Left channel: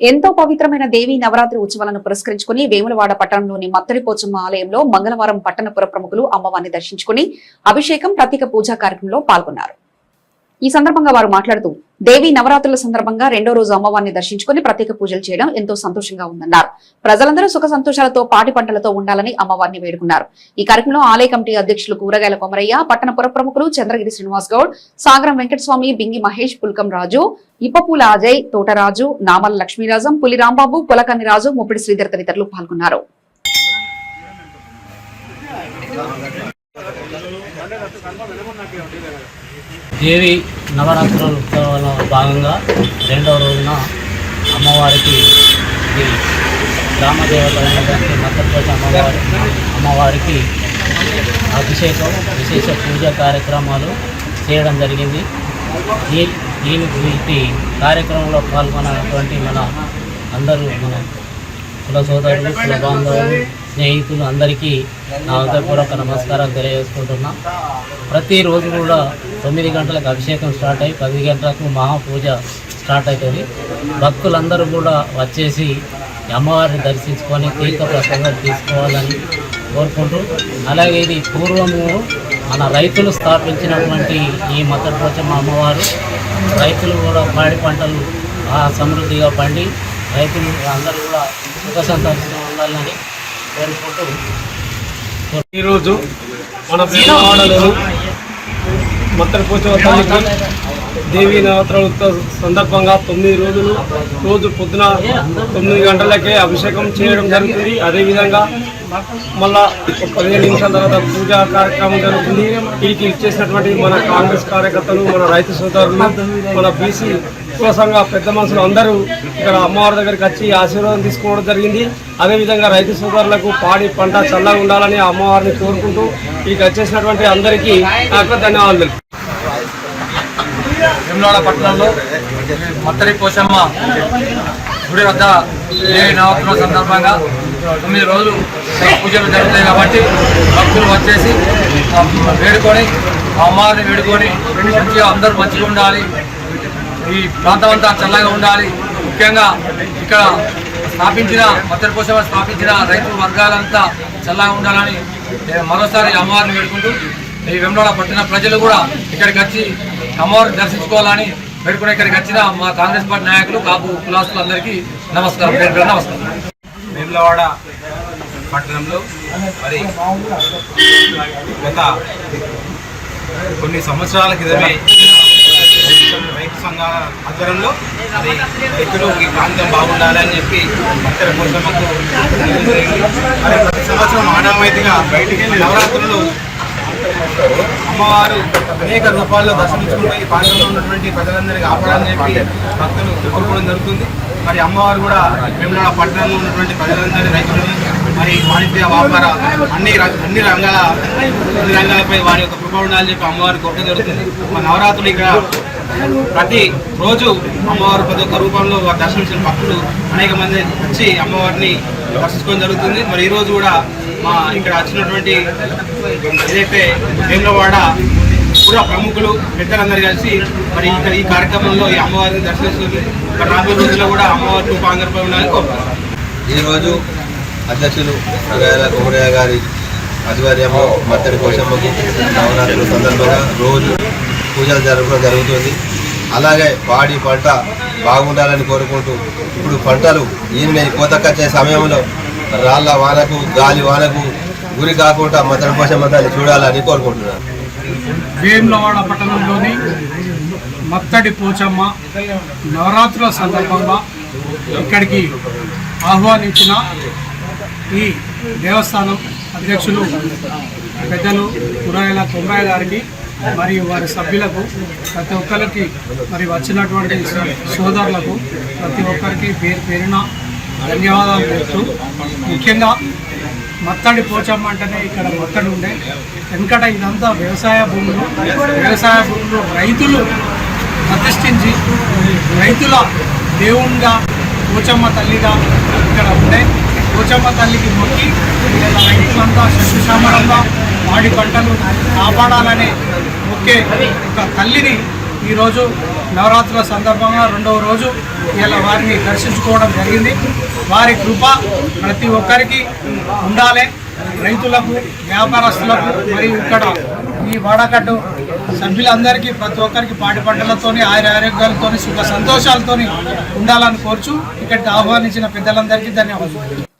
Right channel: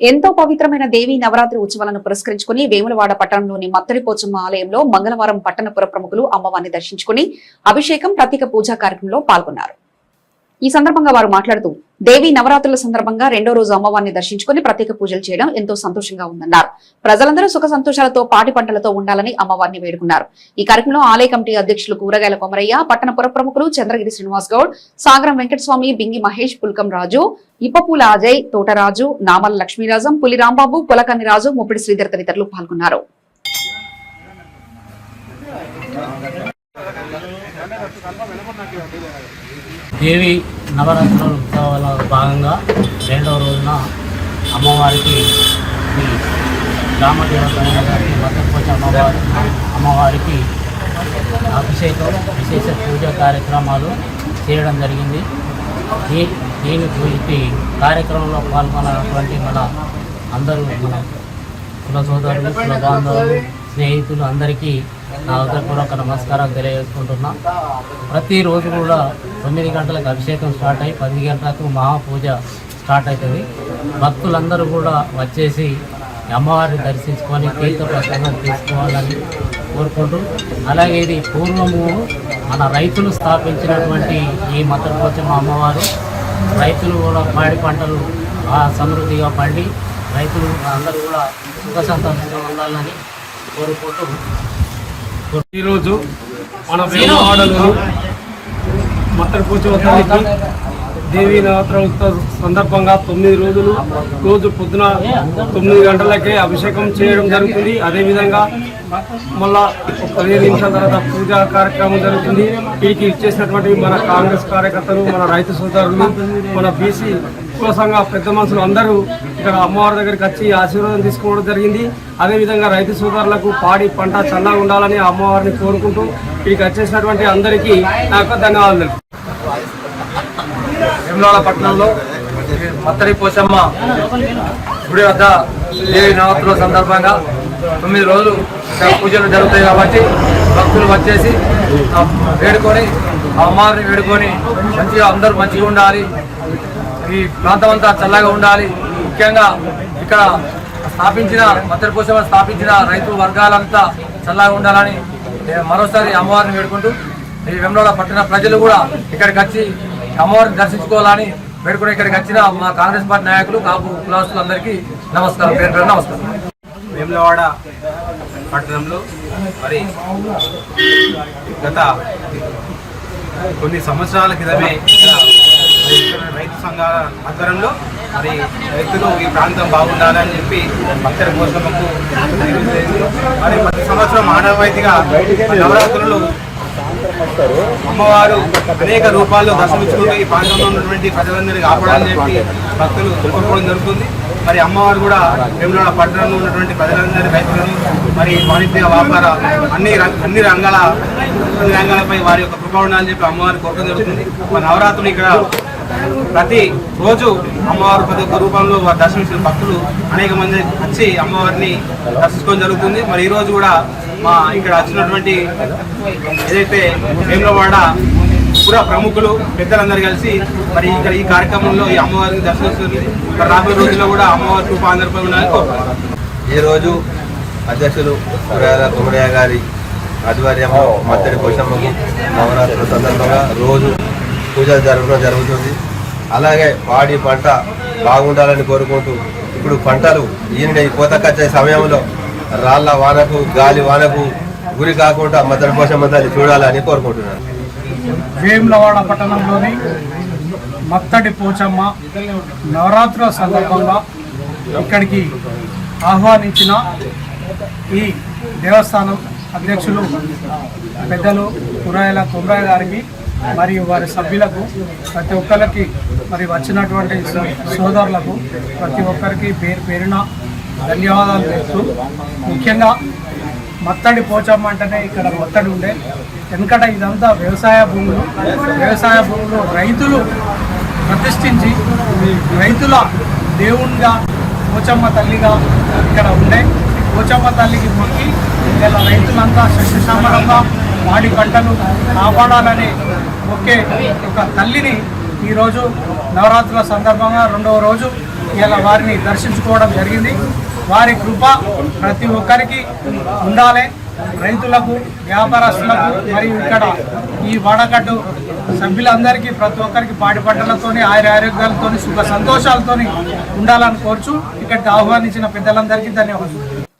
ఎంతో పవిత్రమైన దేవి నవరాత్రి ఉత్సవాలను పురస్కరించుకుని వేములవాడ పట్టణంలోని మత్తడిపోచమ్మ ఆలయంలో మంగళవారం పట్టణపుర ప్రముఖులు అమ్మవారిని దర్శించుకుని అభిషేకం ప్రత్యేక పూజా కార్యక్రమంలో పాల్గొన్నారు. ఈ సందర్భంగా వారు మాట్లాడుతూ దేవి నవరాత్రుల సందర్భంగా రెండో రోజు అమ్మవారిని దర్శించుకుని ప్రత్యేక పూజలు చేయడం ఎంతో సంతోషంగా ఉందన్నారు. ప్రజలందరూ సుఖ సంతోషాలతో పాటి పంటలతో ఉండాలని అమ్మవారిని వేడుకున్నారు. ఈ కార్యక్రమంలో ఆలయ కమిటీ అధ్యక్షులు కూరగాయల కొమరయ్య పట్టణ పుర ప్రముఖులు చంద్రగిరి శ్రీనివాస్ గౌడ్ సాగరం వెంకటస్వామి బింగి మహేష్ పుల్కం రాజు ఇప్పపూల అజయ్ తోటరాజు నామల లక్ష్మీరాజం పులి రాంబాబు పులకన్ని రాజు ముప్పిడి శ్రీధర్ తదితరులు పాల్గొన్నారు. దేవి నవరాత్రుల ఉత్సవాల భాగంగా రెండవ రోజున అమ్మవారికి ఈ గ్రామదేవత అయినటువంటి అమ్మవారికి అభిషేకం విశేష పూజా కార్యక్రమాలు చేయడం జరిగింది. దీ దీని గురించి కార్యక్రమంలో పాల్గొన్నటువంటి మన అందరూ మన కుల సోదరులు కుల బాంధవులు స్నేహితులు అందరికీ నా హృదయపూర్వక నమస్కారం తెలియజేసుకుంటున్నాం. ప్రతిరోజు కూడా తొమ్మిది గంటలకు అభిషేకం స్టార్ట్ అయ్యి పది గంటలకు మహాపూజ స్టార్ట్ అవుతుంది. భక్తులందరూ కూడా వచ్చేసి అమ్మవారిని దర్శించుకొని తీర్థ ప్రసాదాలు తీసుకోవాలని కోరుకుంటూ అలాగే ఇది పూర్వము మన రైతులు స్థాపించినటువంటి ఈ మద్దతు అమ్మవారు. రైతులు కూడా పాడి పంటలు ఆ సమృద్ధిగా పండి రైతులు అందరూ కూడా సుఖ సంతోషంగా ఉండాలని కోరుకుంటూ. ఈరోజు మన వేలవాడలోని మత్తడి దేవీ నవరాత్రుల సందర్భంగా తొమ్మిది రోజులు రోజు పొద్దున తొమ్మిది గంటలకే అభిషేకం చేయడం జరుగుతుంది. అదేవిధంగా మళ్ళా పదిహేను నిమిషాల తర్వాత పూజా కార్యక్రమం జరుగుతుంది. వీటికి ఇచ్చేసినటువంటి మన కాంగ్రెస్ కార్యకర్తలు మన రైతు సోదరులు మన బీసీ సంఘ పెద్ద మనుషులు అందరూ ఇక్కడ అమ్మవారి దగ్గరికి వచ్చి ఆశీర్వాదం తీసుకోవడం జరిగింది. అదేవిధంగా రైతు సోదరులకు పాడి పంట చల్లగా ఉండాలని అమ్మవారిని కోరుకుంటూ ఇక వచ్చేసినటువంటి అందరికీ నాకు ధన్యవాదాలు వేములవాడ పట్టణంలో మత్తడి పోచమ్మ గుడి వద్ద దేవి నవరాత్రుల సందర్భంగా తొమ్మిది రోజులు పూజలు జరుగుతాయి కాబట్టి భక్తులు వచ్చేసి వేడుకొని ఆ అమ్మవారిని వేడుకొని మంచిగా అందరూ మంచిగా ఉండాలి. ఈ ప్రాంతం అంతా చల్లగా ఉండాలి. ముఖ్యంగా ఇక్కడ స్థాపించిన మత్తడి పోచమ్మ స్థాపించిన రైతు వర్గాలంతా చల్లగా ఉండాలని మరోసారి అమ్మవారిని వేడుకుంటూ ఈ వెమ్లవాడ పట్టణ ప్రజలు కూడా ఇక్కడికి వచ్చి అమ్మవారిని దర్శించుకోవాలని పేర్కొని ఇక్కడికి వచ్చిన మా కాంగ్రెస్ పార్టీ నాయకులు కాపు కులాస్తులందరికీ నమస్కారం. పేరు పేరు నమస్కారం. వేములవాడ పట్టణంలో మరి గత కొన్ని సంవత్సరాల క్రితమే రైతు సంఘాల ఆధ్వర్యంలో మరి రైతులు ఈ ప్రాంతం బాగుండాలని చెప్పి భక్తుల కోసం మరి ప్రతి సంవత్సరం ఆనవాయితీగా నవరాత్రులు అమ్మవారు అనేక రూపాల్లో దర్శనించుకుంటూ ఈ ప్రాంతంలో ఉన్నటువంటి ప్రజలందరినీ కాపాడాలని చెప్పి భక్తులు కోరుకోవడం జరుగుతుంది. మరి అమ్మవారు కూడా వేములవాడ పట్టణంలో ఉన్నటువంటి ప్రజలందరి రైతులను మరి వాణిజ్య వ్యాపార అన్ని రం- అన్ని రంగాల అన్ని రంగాలపై వారి యొక్క కృప ఉండాలని చెప్పి అమ్మవారి కోరుకోవడం జరుగుతుంది. మరి నవరాత్రులు ఇక్కడ ప్రతి రోజు అమ్మవారు ప్రతి ఒక్క రూపంలో వారు దర్శించిన భక్తులు అనేక మంది వచ్చి అమ్మవారిని దర్శించుకోవడం జరుగుతుంది. మరి ఈరోజు కూడా మా ఇక్కడ వచ్చినటువంటి ఏదైతే వేములవాడ పుర ప్రముఖులు పెద్దలందరూ కలిసి మరి ఇక్కడ ఈ కార్యక్రమంలో ఈ అమ్మవారిని దర్శిస్తుంది మరి రాబోయే రోజుల్లో కూడా అమ్మవారి కృప అందరిపై ఉండాలని కోరుతున్నాను ఈరోజు అధ్యక్షులు సురాయల కుమరయ్య గారి ఆధ్వర్యంలో మత్తడి పోషమ్మకు నవరాత్రుల సందర్భంగా రోజు పూజలు జరగడం జరుగుతుంది. అలాగే పాడి పంట బాగుండాలని కోరుకుంటూ ఇప్పుడు పంటలు ఈయన కోతకొచ్చే సమయంలో రాళ్ళ వానకు గాలి వానకు గురి కాకుండా మత్తడి పోషమ్మ తల్లి చూడాలని కోరుకుంటున్నాను. వేములవాడ పట్టణంలోని మత్తడి పోచమ్మ నవరాత్రుల సందర్భంగా ఇక్కడికి ఆహ్వానించిన ఈ దేవస్థానం అధ్యక్షులు పెద్దలు కురాయల కుమరాయ గారికి మరియు వారి సభ్యులకు ప్రతి ఒక్కరికి మరి వచ్చినటువంటి సోదరులకు ప్రతి ఒక్కరికి పేరు పేరున ధన్యవాదాలు తెలుపుతూ ముఖ్యంగా మత్తడి పోచమ్మ అంటేనే ఇక్కడ మత్తడి ఉండే. వెనకట ఇదంతా వ్యవసాయ భూములు. వ్యవసాయ భూములు రైతులు ప్రతిష్ఠించి రైతుల దేవునిగా పోచమ్మ తల్లిగా ఇక్కడ ఉండే. పోచమ్మ తల్లికి మొక్కి ఇలా రైతులంతా శస్యశ్యామలంగా వాడి పంటలు కాపాడాలనే ఒకే ఒక తల్లిని ఈరోజు నవరాత్రుల సందర్భంగా రెండవ రోజు ఇలా వారిని దర్శించుకోవడం జరిగింది. వారి కృప ప్రతి ఒక్కరికి ఉండాలి. రైతులకు వ్యాపారస్తులకు మరియు ఇక్కడ ఈ వాడకట్టు సభ్యులందరికీ ప్రతి ఒక్కరికి పాడి పంటలతోని ఆయుర ఆరోగ్యాలతోని సుఖ సంతోషాలతోని ఉండాలని కోరుచు ఇక్కడికి ఆహ్వానించిన పెద్దలందరికీ ధన్యవాదాలు.